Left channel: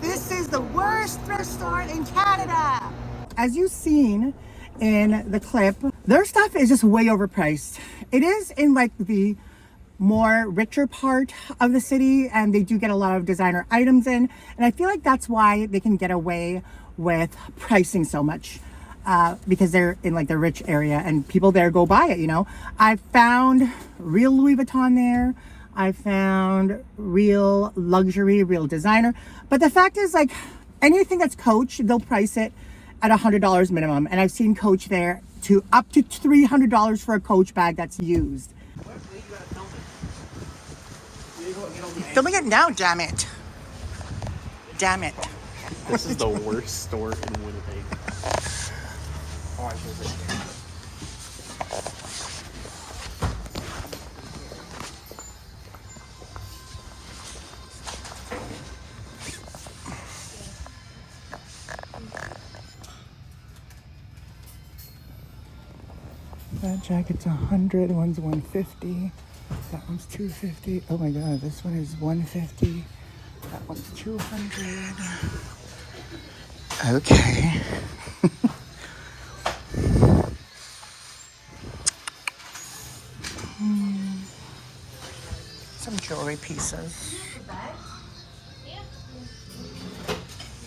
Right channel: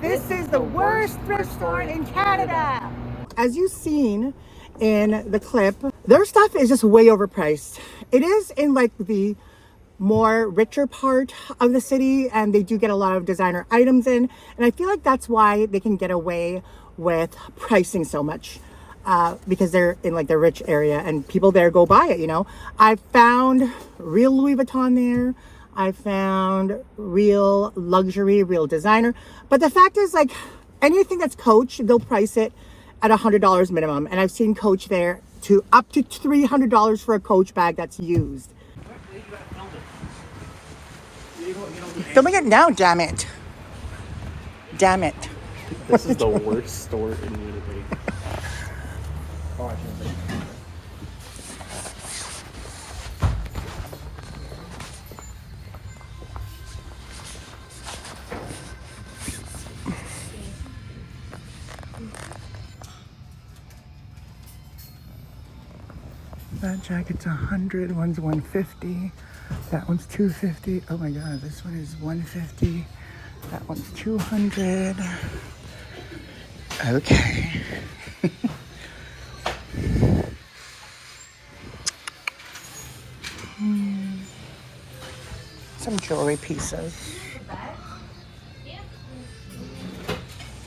This is the worst thrift store in Canada. As you've seen in the clip, their stuff is just way overpriced. It is in like the more richer part of the city, and they do get a lot of designer items in, and I feel like that's why they can get away with pricing so much, because they're in like the rich area and people there go buy it, you know. I found real Louis Vuitton there. I found real luxury, real designer. But the fact is, like, anything that's Coach, they'll price it at $100 minimum. And I've seen Coach there to up to $300 for a Coach bag that's used. Filming it now, damn it. Damn it. This is the worst store in Winnipeg. That jacket's 100, one's 150. That one's 250. Oh my god, this one is 150. That one's 200. Okay. Some jewelry pieces. I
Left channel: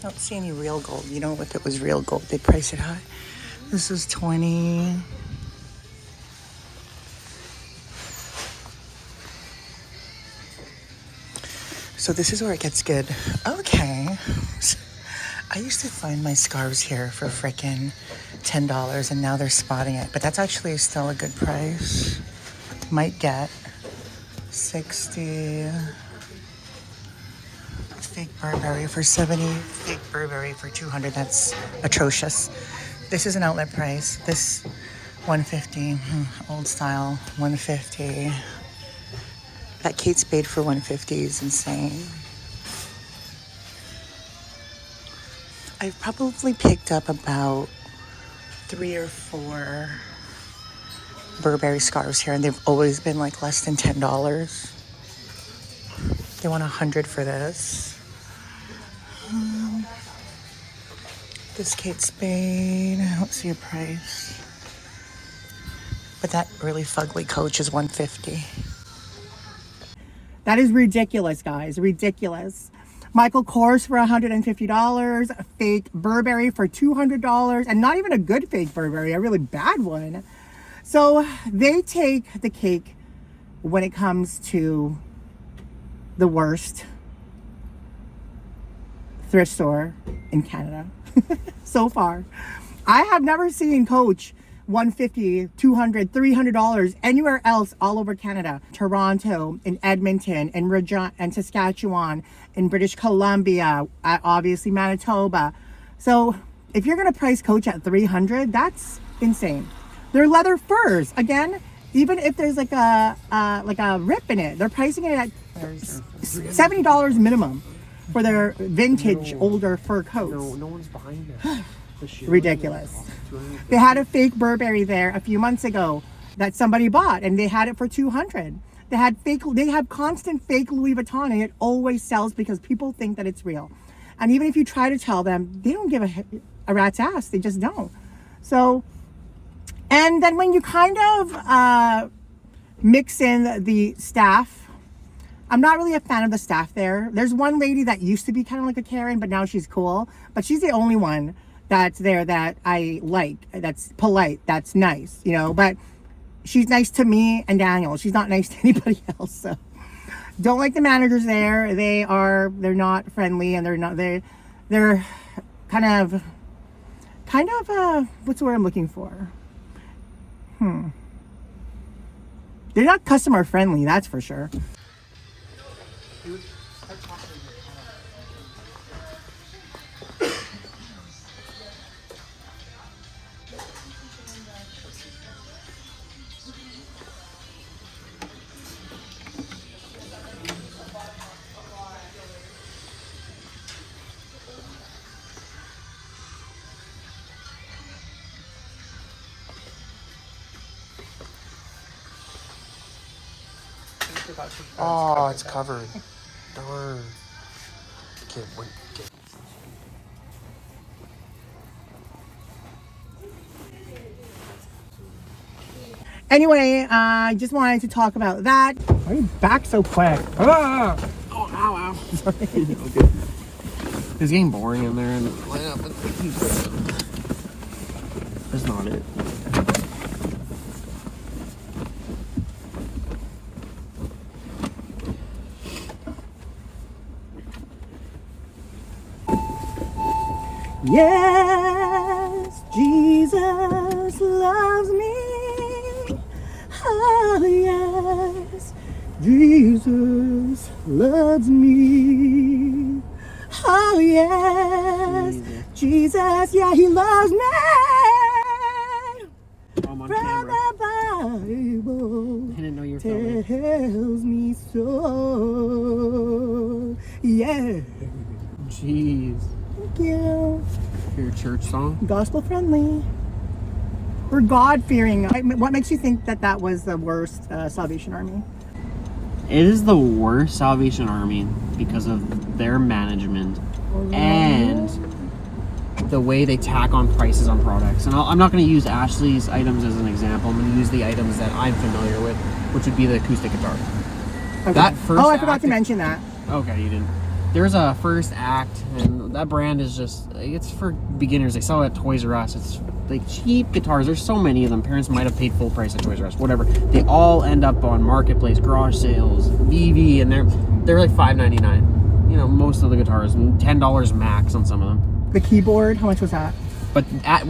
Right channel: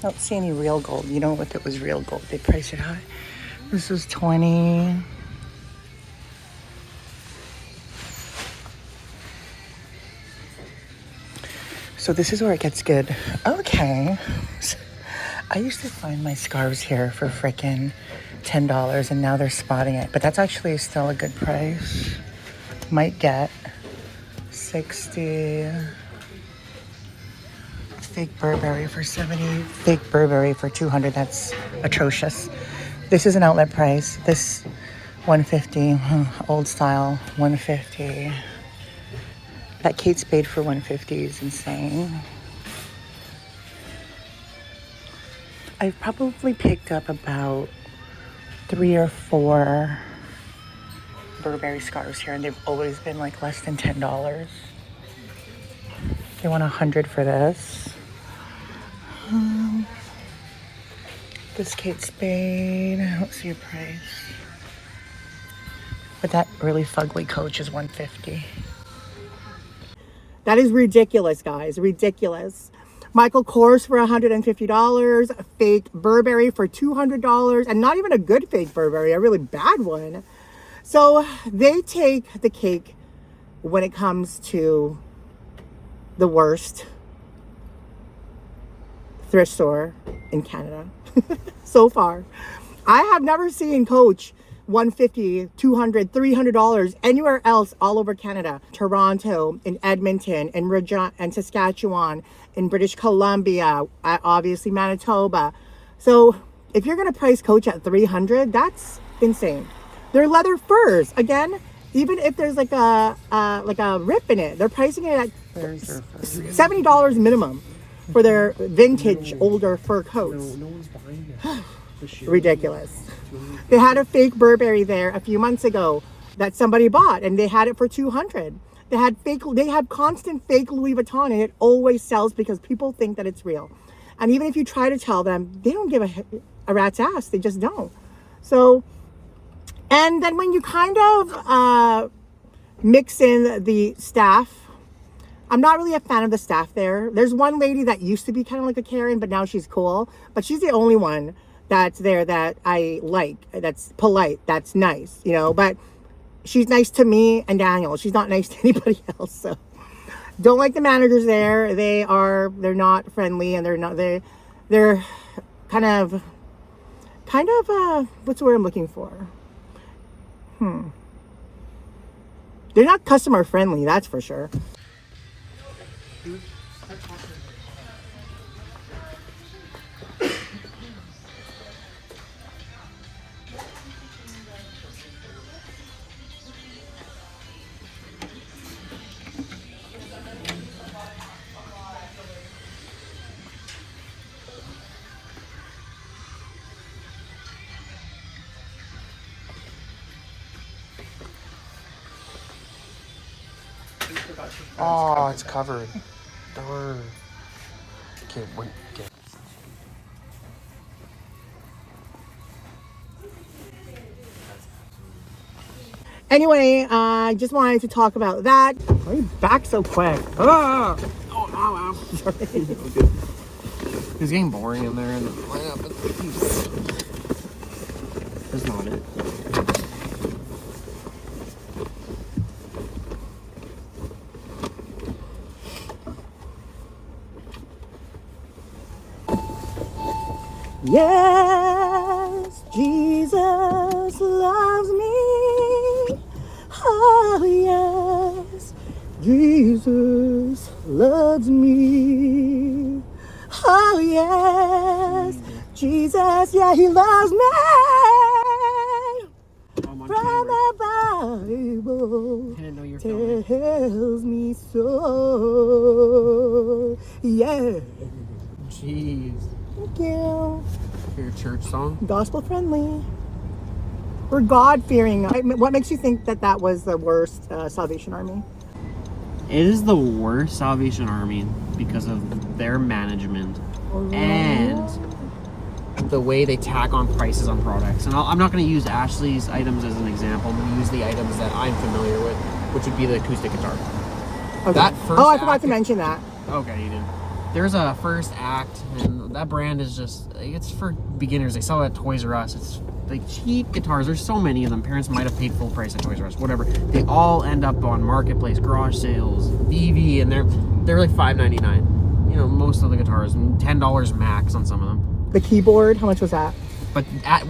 don't see any real gold. You know, if it was real gold, they'd price it high. This is 20. So this is where it gets good. Okay. I used to find my scarves here for frickin' $10, and now they're spotting it. But that's actually still a good price. Might get 60. It's fake Burberry for 70. Fake Burberry for 200. That's atrocious. This is an outlet price. This 150. Old style 150. That Kate Spade for 150 is insane. I've probably picked up about 3 or 4 Burberry scarves here, and they've always been like less than $10. They want 100 for this. This Kate Spade, I don't see a price. But that really fugly Coach is 150. That is ridiculous, guys. Ridiculous. Michael Kors for $150. Fake Burberry for $200. And not even a good fake Burberry, a really bad one. So they take the cake when it comes to the worst thrift store in Canada so far. I have never seen Coach $150, $200, $300 anywhere else all over Canada. Toronto, in Edmonton, in Regina, and Saskatchewan, in British Columbia, obviously Manitoba. So if you're gonna price Coach at $300, that's insane. They're leather furs. Again, even if there's like a rip in it, they're pricing it at $70 minimum for their vintage older fur coats. No one's buying that. Ridiculous. They had a fake Burberry there a few months ago that somebody bought, and they had it for $200. They have constant fake Louis Vuitton, and it always sells because people think that it's real. And even if you try to tell them, they don't give a rat's ass. They just don't. So, and then when you kind of mix in the staff, I'm not really a fan of the staff there. There's one lady that used to be kind of like a Karen, but now she's cool. But she's the only one that's there that I like, that's polite, that's nice, you know. But she's nice to me and Daniel. She's not nice to anybody else. So don't like the managers there. They're not friendly, and they're kind of what's the word I'm looking for? They're not customer friendly, that's for sure. Oh, it's covered. Darn. Okay, wait. Okay. Anyway, I just wanted to talk about that. Why are you back so quick? Ah! Oh, ow, ow. Sorry. It's getting boring in there. It's not it. Yes, Jesus loves me. Oh, yes, Jesus loves me. Oh, yes, Jesus, yeah, he loves me. I'm on From camera. the Bible I didn't know you were filming. tells me so. Yeah. Jeez. Thank you. Your church song? Gospel friendly. We're God fearing. What makes you think that that was the worst Salvation Army? It is the worst Salvation Army because of their management and the way they tack on prices on products. And I'm not going to use ASHLEE's items as an example. I'm going to use the items that I'm familiar with, which would be the acoustic guitar. Okay. That first I forgot to mention that. Okay, you didn't. There's a first act, and that brand is just, it's for beginners. They sell it at Toys R Us. It's like cheap guitars. There's so many of them. Parents might have paid full price at Toys R Us, whatever. They all end up on Marketplace, garage sales, VV, and they're like $5.99. You know, most of the guitars, $10 max on some of them. The keyboard, how much was that? But at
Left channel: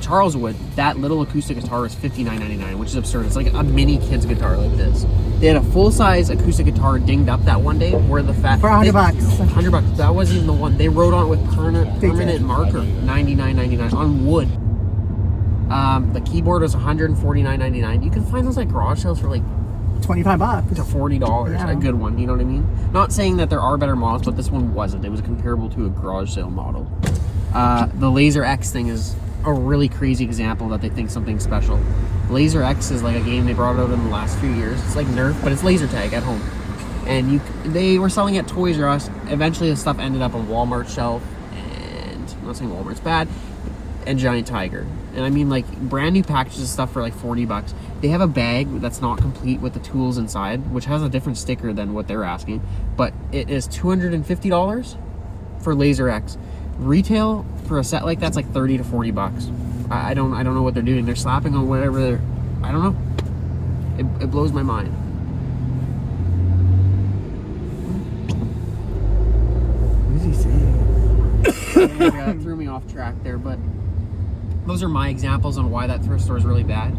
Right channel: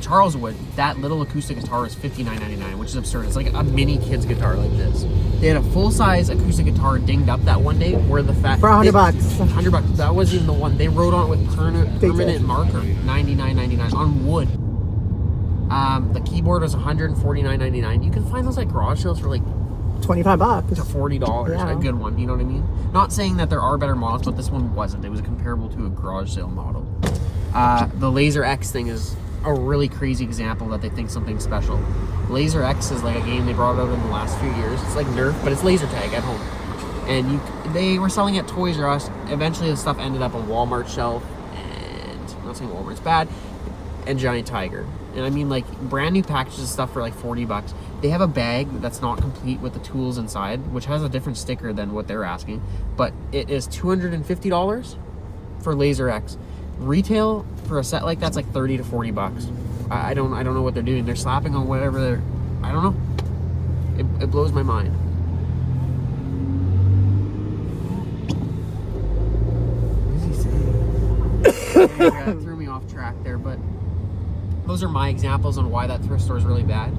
Charleswood, that little acoustic guitar is $59.99, which is absurd. It's like a mini kid's guitar like this. They had a full-size acoustic guitar dinged up that one day where the fact For $100. $100. That wasn't even the one. They wrote on it with permanent marker, $99.99 on wood. The keyboard was $149.99. You can find those like garage sales for like $25 to $40. Yeah. A good one, you know what I mean? Not saying that there are better models, but this one wasn't. It was comparable to a garage sale model. The Laser X thing is a really crazy example that they think something special. Laser X is like a game they brought out in the last few years. It's like Nerf, but it's laser tag at home. And they were selling at Toys R Us. Eventually the stuff ended up on Walmart's shelf, and I'm not saying Walmart's bad, and Giant Tiger. And I mean, like, brand new packages of stuff for like $40. They have a bag that's not complete with the tools inside, which has a different sticker than what they're asking, but it is $250 for Laser X. Retail for a set like that's like $30 to $40. I don't know what they're doing. They're slapping on whatever they're, I don't know. It blows my mind. What is he saying? Yeah, it threw me off track there, but those are my examples on why that thrift store is really bad.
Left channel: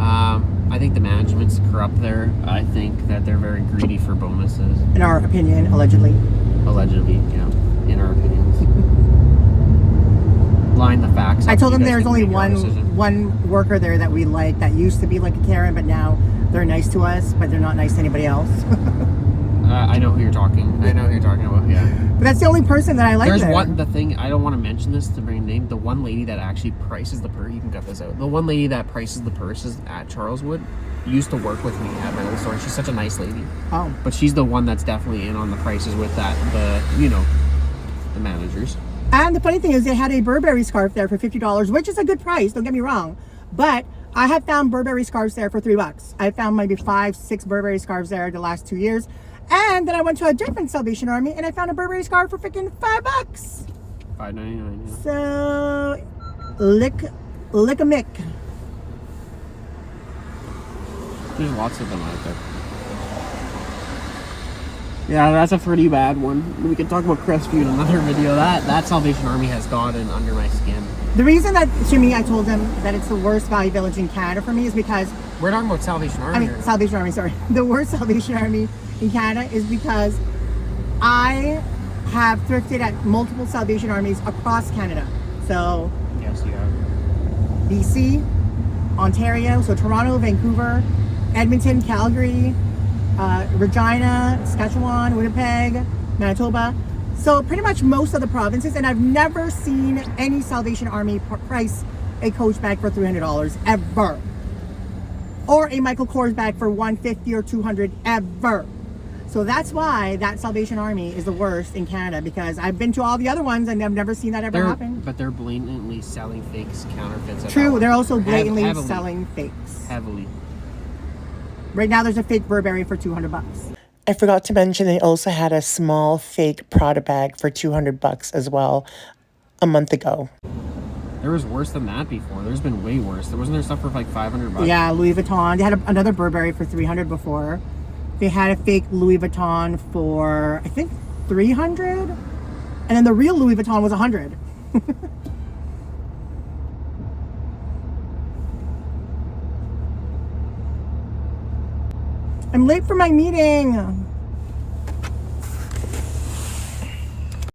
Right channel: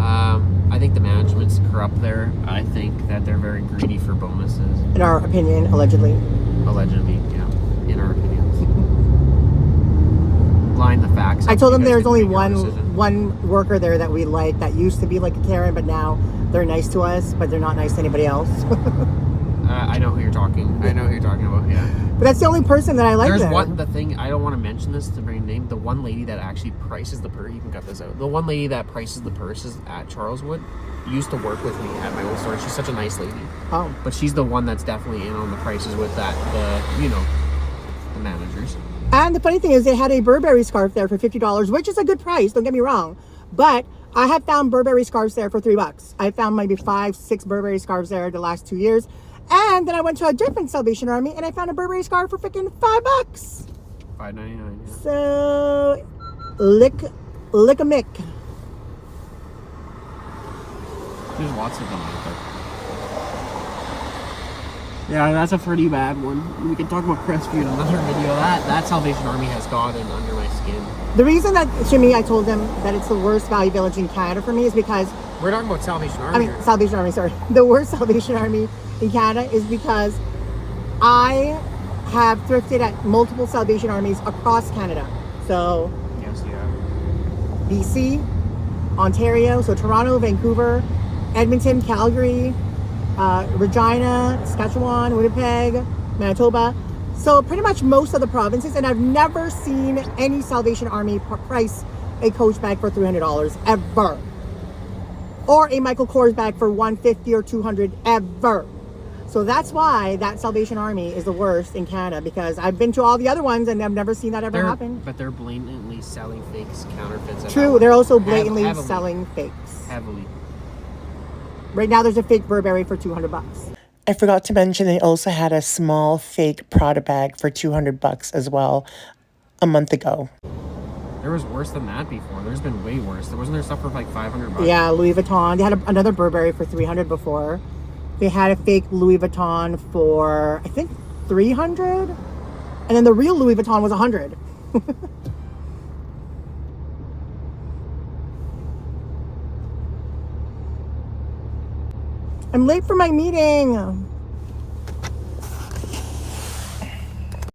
I think the management's corrupt there. I think that they're very greedy for bonuses. In our opinion, allegedly. Allegedly, yeah. In our opinions. Line the facts. I told them You guys there's can only make your decision. one worker there that we like that used to be like a Karen, but now they're nice to us, but they're not nice to anybody else. I know who you're talking. I know who you're talking about. Yeah. But that's the only person that I like There's there. the thing. I don't want to mention this to bring a name. The one lady that actually prices the purse. You can cut this out. The one lady that prices the purses at Charleswood used to work with me at my old store. She's such a nice lady. Oh. But she's the one that's definitely in on the prices with that. The managers. And the funny thing is they had a Burberry scarf there for $50, which is a good price, don't get me wrong. But I have found Burberry scarves there for $3. I found maybe 5-6 Burberry scarves there the last 2 years. And then I went to a different Salvation Army and I found a Burberry scarf for freaking $5. $5.99. Yeah. So lick a mick. There's lots of them out there. Yeah, that's a pretty bad one. We can talk about Crestview in another video. That Salvation Army has gotten under my skin. The reason that, to me, I told them that it's the worst value village in Canada for me is because... We're talking about Salvation Army here. Salvation Army, sorry. The worst Salvation Army in Canada is because I have thrifted at multiple Salvation Armies across Canada. So, Yes, you have. BC, Ontario, so Toronto, Vancouver, Edmonton, Calgary, Regina, Saskatchewan, Winnipeg, Manitoba. So pretty much most of the provinces, and I've never seen any Salvation Army price a Coach bag for $300 ever, or a Michael Kors bag for $150 or $200 ever. So that's why that Salvation Army is the worst in Canada, because I've been to all the other ones and I've never seen that ever happen. But they're blatantly selling fakes, counterfeits. True, they're also blatantly heavily. selling fakes. Heavily. Right now there's a fake Burberry for $200. I forgot to mention they also had a small fake Prada bag for $200 as well a month ago. There was worse than that before. There's been way worse. Wasn't there stuff for like $500? Yeah, Louis Vuitton. They had another Burberry for $300 before. They had a fake Louis Vuitton for, I think, $300. And then the real Louis Vuitton was $100. I'm late for my meeting.